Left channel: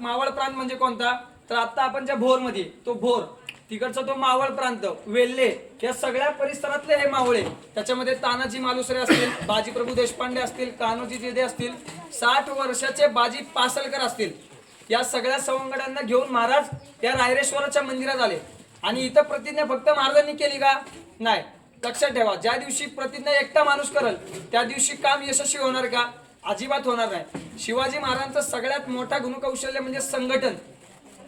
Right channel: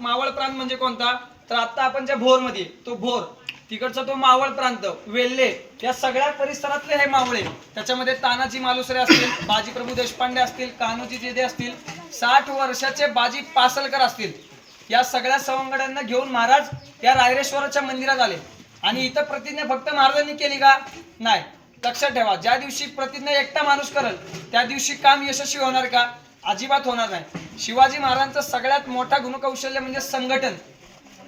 मावळ प्रांत म्हणजे कोणता, तर आता आपण ज्या भोरमध्ये तो भोर तिकडचा तो मावळ प्रांत, वेल्हे, या सगळ्या परिसरातले हे मावळे. त्याच्यामध्ये तानाजी मालुसरे असतील, बाजीप्रभू देशपांडे असतील, कान्होजी जेधे असतील, 60 वर्षाचे बाजी पासलकर असतील, या सगळ्या सवंगड्यांना घेऊन महाराज या रायरेश्वराच्या मंदिरात आले. आणि इथं प्रतिज्ञा फक्त महाराजांनी केली का, नाही. लक्षात ठेवा, ज्या दिवशी प्रतिज्ञा एकटा माणूस करेल त्या दिवशी काम यशस्वी होणार का, अजिबात होणार नाही. शिवाजी महाराजांचं सगळ्यात मोठा गुणकौशल्य म्हणजे संघटन.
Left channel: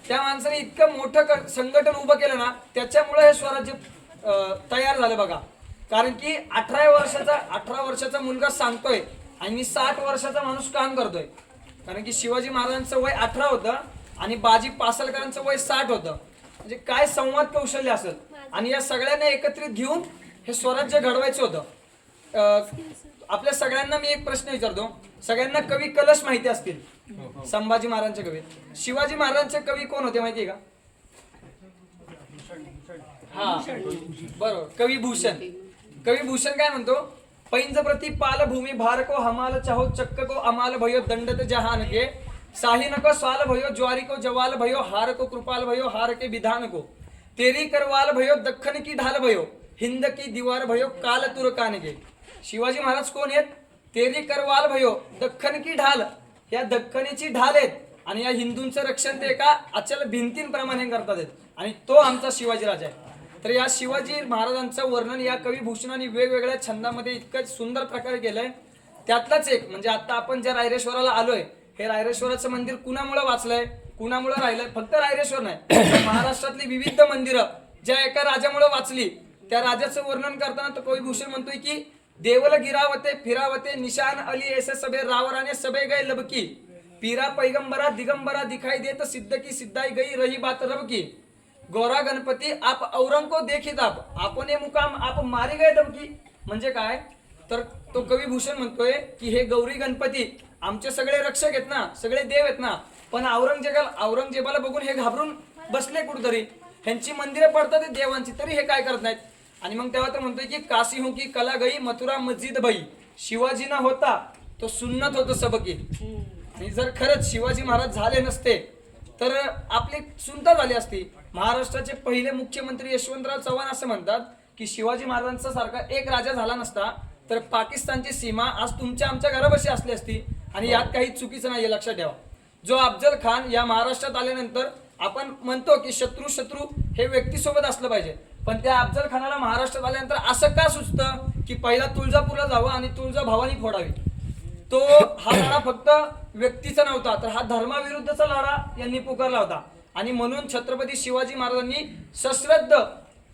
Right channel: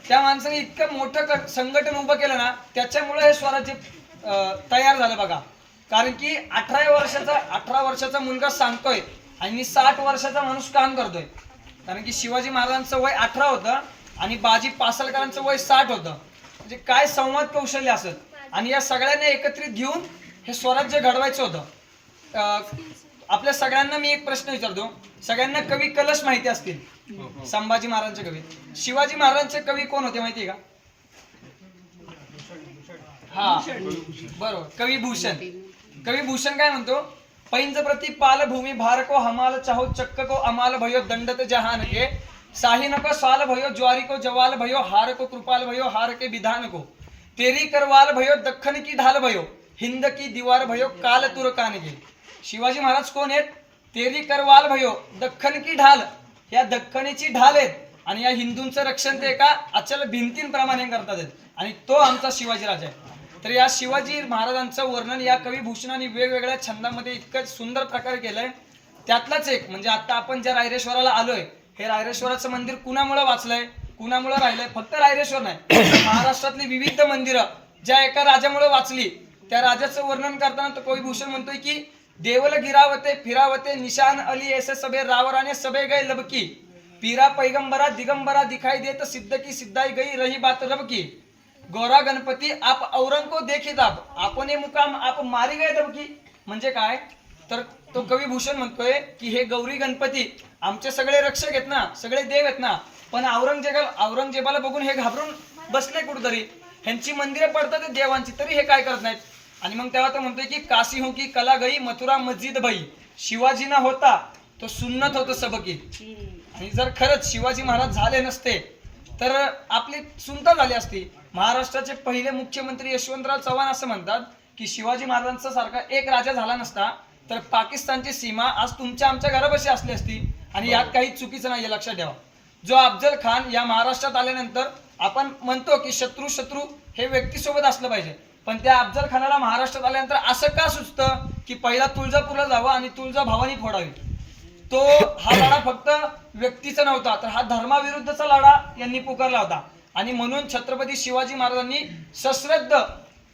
त्या माणसाने इतकं मोठं संघटन उभं केलं ना, त्याच्यामुळे हे स्वराज्य तयार झालं बघा. कारण की 18 वर्षाचा मुलगा सांगतोय आणि 60 वर्षाचा माणूस काम करतोय. कारण की शिवाजी महाराजांचं वय 18 होतं आणि बाजी पासलकरांचं वय 60 होतं. म्हणजे काय संवाद कौशल्य असेल. आणि या सगळ्यांना एकत्रित घेऊन हे स्वराज्य घडवायचं होतं. आपल्या सगळ्यांना मी एक प्रश्न विचारतो, सगळ्यांना कवी कलश माहिती असतील, संभाजी महाराजांचे कवी. शिवाजी महाराजांचे कवी कोण होते माहितीये का? हा बरोबर, कवी भूषण. कवी भूषण काय म्हणतो, पैंज प्रति पाल भूमि भार को हमाल चाहो चक्क को अमाल भयो दंडत जहान के साही नको साल भयो ज्वारी को जवाल भयो हार को कृपाल भयो हार के विधान को तेरी करवाल भयो दख्खन की ढाल भयो हिंद की दीवार भयो काल तुरकान के. शिवाजी महाराज कोण आहेत, तेरी करवाल भयो, दख्खन की ढाल, या दख्खनीची ढाल आहेत आणि या हिंदूंचं रक्षण ते एका अचल भिंतींप्रमाणे करतात आहेत. आणि तो आमचा शिवाजी राजा आहे. तर या शिवाजी महाराजांचं वर्णन या कवी भूषणाने वेगवेगळ्या छंदामध्ये इतकं सुंदर प्रकारे केलंय. त्यातलाच एक म्हणजे आता आपण ज्या रायरेश्वराला आलोय, हे रायरेश्वराचं मंदिर कुणामुळे वाचलंय, कुणामुळे राहिलंय, फक्त रायरेश्वर नाही, महाराष्ट्रातली विविध मंदिरं ज्या एका राजामुळे वाचली, त्या राजाचं वर्णन करताना तो कवी भूषण म्हणतोय की देवल गिरावते फिरावते निशान अली ऐसे सबे रावराने सबे गए लबकी पीरा पैगंबरा दिगंबरा दिखाई देत सिद्ध की सिद्धाई गई रही बात रब की गौरा गणपती आप औरंग को देखित आप आपने मुकाम आप मारी गए दबकी. म्हणजे काय, तर तो कवी भूषण म्हणतोय की हे गौरी गणपती आमचे सगळे रक्षक आहेत ना, सगळे देव आहेत ना, पण औरंगजेबाला बघून हे घाबरून बसले कुठतरी, ह्यांची मंदिरं पडतात देवांची, तरी हे काय करत नाहीत. आणि मग तेव्हा तो म्हणतोय की काशी हो की कला गई मथुरा मस्जिद भई शिवाजी ना होता तो सुन्नत होतं सबकी. आणि जर खरंच शिवाजी महाराज झाले नसते तर आपली सुनता झाली असती. महाराष्ट्राचे पहिले मुख्यमंत्री यशवंतराव चव्हाण असं म्हणतात की शिवाजी महाराजांचा सारखा एक राजा झाला नसता तर पाकिस्तानची सीमा आज तुमच्या आमच्या घरापाशी असली असती. आणि यात काही चुकीचं नाहीये, लक्षात ठेवा. जो अफजल खान या महाराष्ट्रात आल्यानंतर आपण म्हणतो की शत्रू हे व्यक्तीसोबत असलं पाहिजे, पण त्या अफजल खानाला महाराष्ट्रात आल्यानंतर असं का सुचतं की पहिला तुळजापूरला जावं आणि तुळजा भवानी फोडावी. तो हा लढा फक्त व्यक्तीचा नव्हता, तर हा धर्माविरुद्धचा लढा यांनी पुकारला होता. आणि म्हणून छत्रपती शिवाजी महाराजांनी सश्रद्ध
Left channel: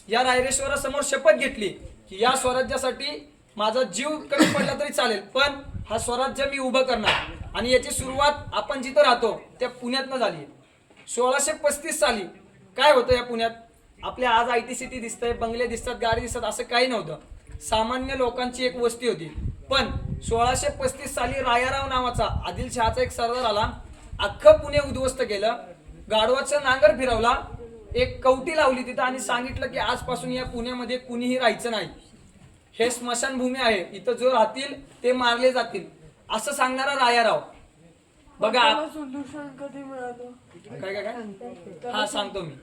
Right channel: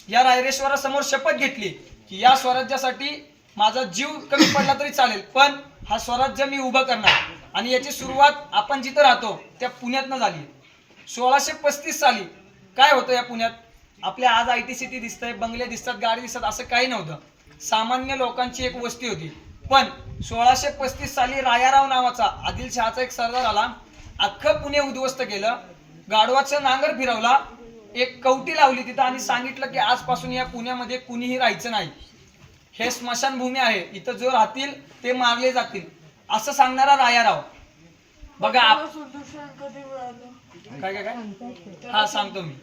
या रायरेश्वरासमोर शपथ घेतली की या स्वराज्यासाठी माझा जीव कमी पडला तरी चालेल, पण हा स्वराज्य मी उभं करणार. आणि याची सुरुवात आपण जिथं राहतो त्या पुण्यातनं झाली. 1635 साली काय होतं या पुण्यात, आपल्या आज IT सिटी दिसतंय, बंगले दिसतात, गाडी दिसतात, असं काही नव्हतं. सामान्य लोकांची एक वस्ती होती. पण 1635 साली रायाराव नावाचा आदिलशहाचा एक सरदार आला, अख्खं पुणे उद्ध्वस्त केलं, गाढवाचं नांगर फिरवला, एक कवटी लावली तिथं आणि सांगितलं की आजपासून या पुण्यामध्ये कुणीही राहायचं नाही, हे स्मशानभूमी आहे, इथं जो राहतील ते मारले जातील, असं सांगणारा रायाराव. बघा काय काय काय हा सांगतो मी.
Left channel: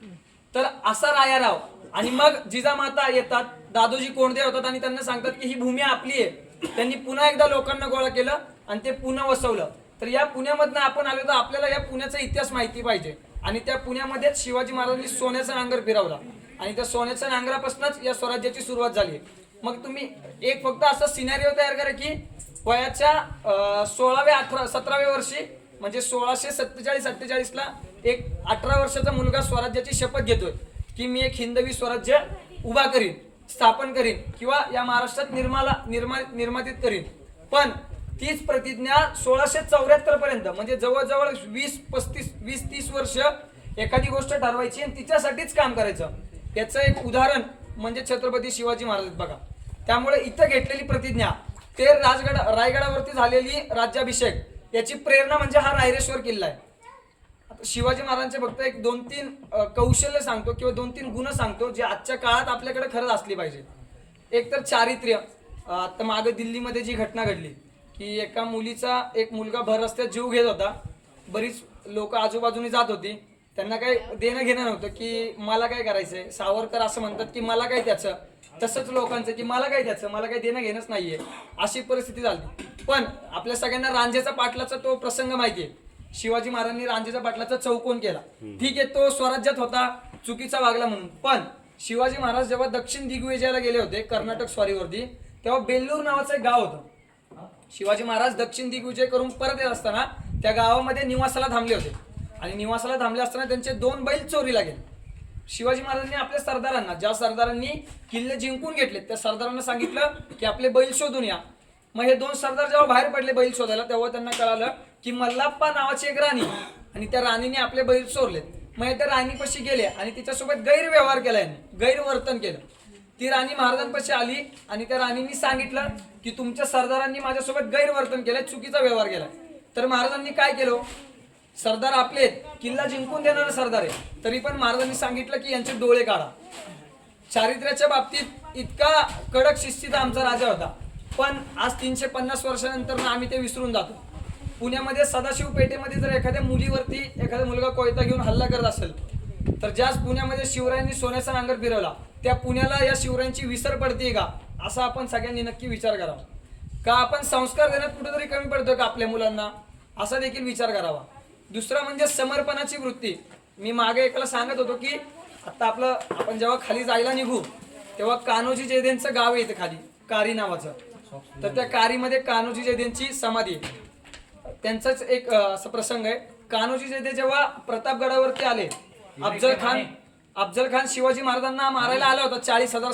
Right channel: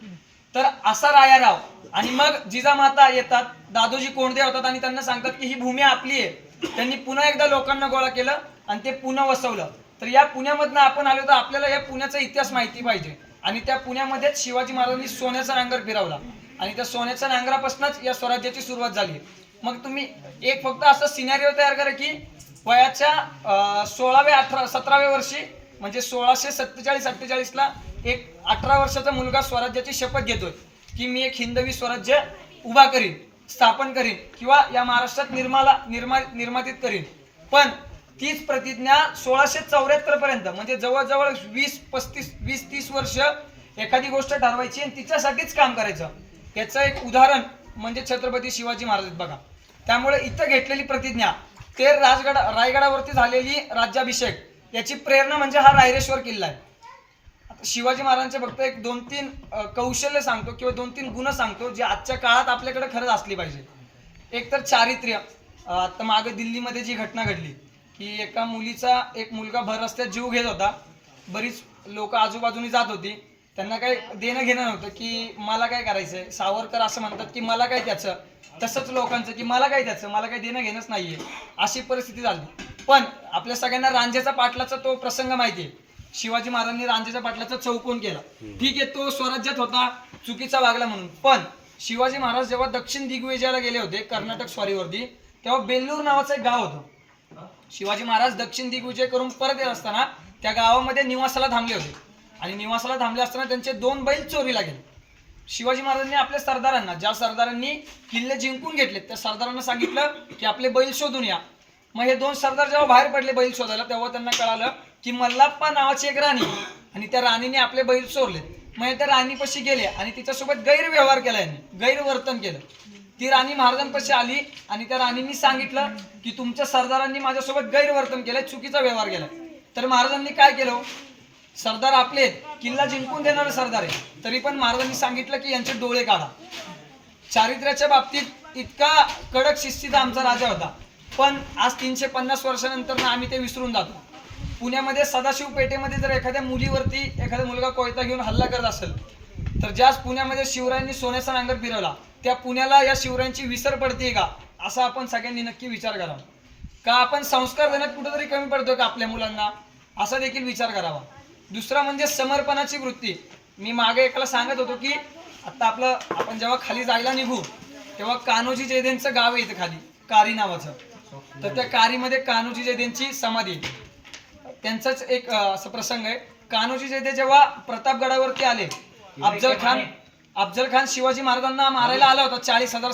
तर असा रायाराव. आणि मग जिजामाता येतात, दादोजी कोंडदे होतात आणि त्यांना सांगतात की ही भूमी आपली आहे. त्यांनी पुन्हा एकदा लोकांना गोळा केलं आणि ते पुन्हा वसवलं. तर या पुण्यामधनं आपण आलो तर आपल्याला या पुण्याचा इतिहास माहिती पाहिजे. आणि त्या पुण्यामध्येच शिवाजी महाराजांनी सोन्याचा नांगर फिरवला आणि त्या सोन्याच्या नांगरापासूनच या स्वराज्याची सुरुवात झाली. मग तुम्ही एक फक्त असं सिनारिओ तयार करा की वयाच्या 17व्या वर्षी म्हणजे 1647-48 ला एक 18 वर्षाचा मुलगा स्वराज्याची शपथ घेतोय की मी एक हिंदवी स्वराज्य उभा करीन, स्थापन करीन किंवा या महाराष्ट्रात निर्मातीत करीन. पण तीच प्रतिज्ञा 1674 पर्यंत म्हणजे जवळजवळ 20-30 वर्ष एखादी गोष्ट ठरवायची आणि तिच्यासाठीच काम करायचं. याचं एक उदाहरण म्हणजे छत्रपती शिवाजी महाराज बघा. त्यामुळे इथं घेतलेली प्रतिज्ञा ते रायगडावरती झालेली राज्याभिषेक याची प्रेरणा म्हणजे हा रायरेश्वर किल्ला आहे. शिवाजी महाराजांचे फक्त एक 2-3 कौशल्य सांगतो किंवा 2-3 गुण सांगतो जे आजच्या काळात आपल्याकडे खरंच असली पाहिजे. एक तर चारित्र्य. आता मागे दिल्लीमध्ये जी घटना घडली की एका मुलीचा एक मुलगा भर रस्त्यात जीव घेत होता, बरीच लोक आजूबाजूनी जात होती, त्यांना काही देणं घेणं नव्हतं की मला काय करायचंय. सावरकर असं म्हणतात की मला काय त्याचं, तसंच लोकांचं की मला काय त्याचं, मला काही देणं घेणंच नाहीये, अशी परिस्थिती झाली. पण आपल्या सगळ्यांना रांझेचा पाटलाचा तो प्रसंग माहिती आहे. शिवाजी महाराजांनी रांझेच्या पाटलाचा चौकोन केला. ठीक आहे, तो स्वराज्यात होता, चुकीचा वागला म्हणून. पण शिवाजी महाराज जेव्हा दक्षिण दिग्विजयाला गेले होते कर्नाटक स्वारीवरती, तेव्हा बेल्लूर नावाचं एक गाव होतं. शिवाजी महाराज दक्षिण दिग्विजय करून परत येत असताना त्या गावामध्ये निवासाला थांबले होते. आणि निवासाला थांबले असताना त्यांचे 2 बैल चोरीला गेले. शिवाजी महाराजांनी आपल्या सरदारांना, ज्या सरदारांनी किल्ले जिंकून घेतले, त्या सरदारांना सांगितलं की आपले बैल शोधून या. मग हे 2 सरदार जेव्हा बाहेर पडले बैल शोधायला, तेव्हा त्यांना कळालं की मल्लाप्पा नावाची एक राणी आणि त्या राणीने आपले बैल चोरले. मग त्या राणीपाशी गेले आणि तिच्यासोबत गैरव्यवहार केला, यांनी गैरवर्तन केलं. ती राणी महाराजांपाशी आली आणि त्या राणींनी सांगितलं की तुमच्या सरदारांनी माझ्यासोबत गैरवर्तन केलंय, चुकीचा व्यवहार केलाय. तर महाराजांनी काय केलं, सरदार आपले आहेत, किल्ला जिंकून देणारे सरदार आहे, तरी पण महाराजांनी सांगितलं की यांचे डोळे काढा. चारित्र्याच्या बाबतीत इतका कडक शिस्तीचा आमचा राजा होता. पण आज 350 वर्षानंतर आम्ही ते विसरून जातो. पुण्यामध्ये सदाशिव पेठेमध्ये जर एखाद्या मुलीवरती एखादा मुलगा कोयता घेऊन हल्ला करत असेल, तर ज्याच पुण्यामध्ये शिवरायांनी सोन्याचा नांगर फिरवला, त्या पुण्याला या शिवरायांची विसर पडते का, असा आपण सगळ्यांनी नक्की विचार करावा. का आपण संस्कार देण्यात कुठेतरी कमी पडतोय का आपल्या मुलांना, असा देखील विचार करावा. दुसरा म्हणजे समर्पणाची वृत्ती. मी मागे एकाला सांगत होतो की आता आपण जेव्हा खाली जायला निघू तेव्हा कान्होजी जयदेंचं गाव आहे इथे खाली, कारी नावाचं. तर त्या कारीमध्ये कान्होजी जयदेंची समाधी आहे. त्यांचाच एक असा प्रसंग आहे. कान्होजी जयदे जेव्हा प्रतापगडावरती आले, अफजल खान शिवाजी महाराजांना मारायला आला होता 40,000